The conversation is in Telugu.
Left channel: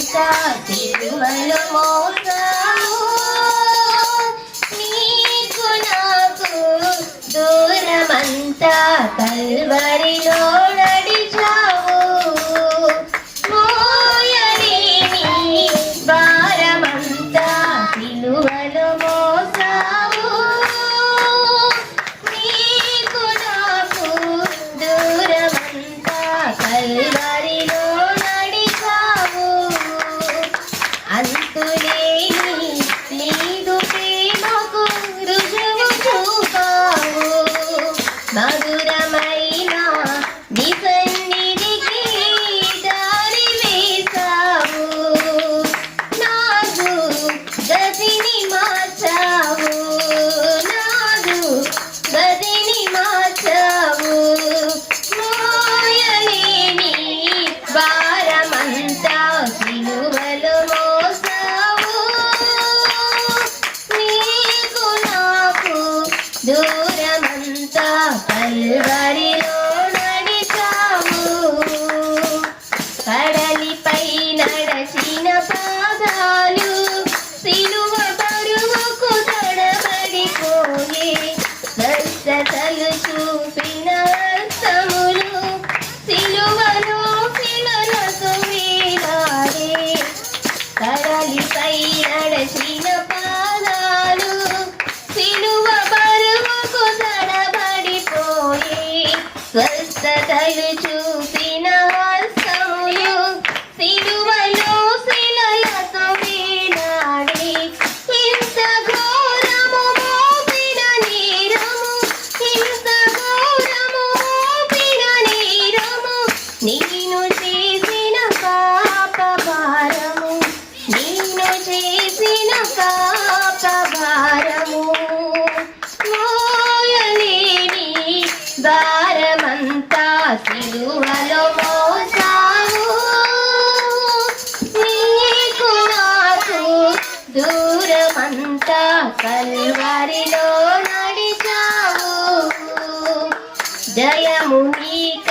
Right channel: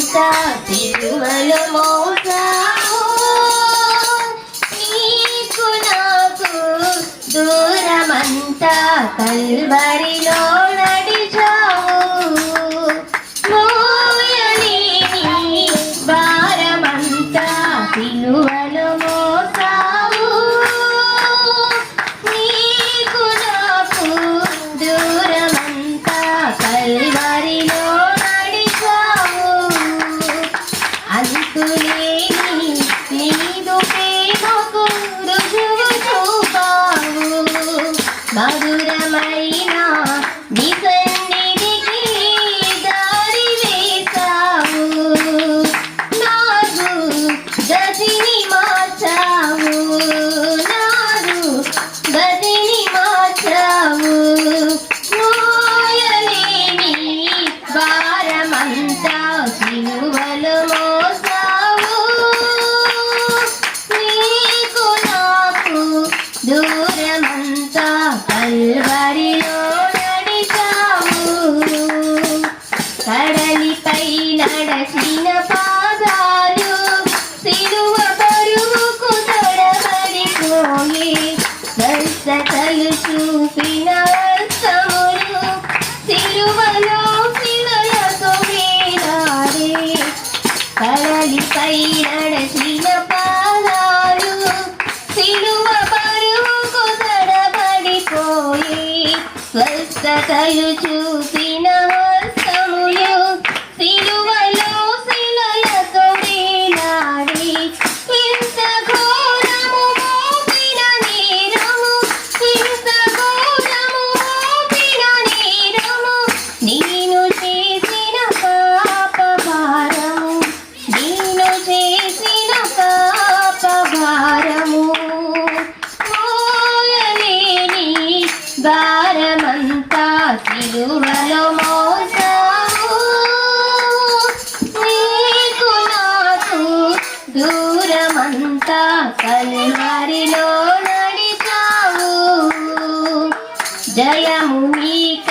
భారమంతా సిలువలో మోసావు, నీకు నాకు దూరమంతా కల్వరిలో నడిచావు. మోయలేని భారమంతా సిలువలో మోసావు, నీకు నాకు దూరమంతా కల్వరిలో నడిచావు. అంతులేని నీదు ప్రేమకు రుజువు చూపావు, మధురమైన నీ సన్నిధికి దారి వేశావు. నాదు గతిని మార్చావు, నాదు గతిని మార్చావు. మోయలేని భారమంతా సిలువలో మోసావు, నీకు నాకు దూరమంతా కల్వరిలో నడిచావు. కడలిపై నడచిన పాదాలు సిలువ బరువుకు తడబడిపోయి, స్వస్థతలు చూపిన హస్తములు సిలువలో శిలలతో వేలాడే. కడలిపై నడచిన పాదాలు సిలువ బరువుకు తడబడిపోయి, స్వస్థతలు చూపిన హస్తములు సిలువలో శిలలతో వేలాడి. ఇంత ఘోరము మోపిన నేరము, ఇంత ఘోరము మోపిన నేరము, నేను చేసిన పాప భారము, నేను చేసిన పాప భారము. మోయలేని భారమంతా సిలువలో మోసావు, నీకు నాకు దూరమంతా కల్వరిలో నడిచావు. జయము నీక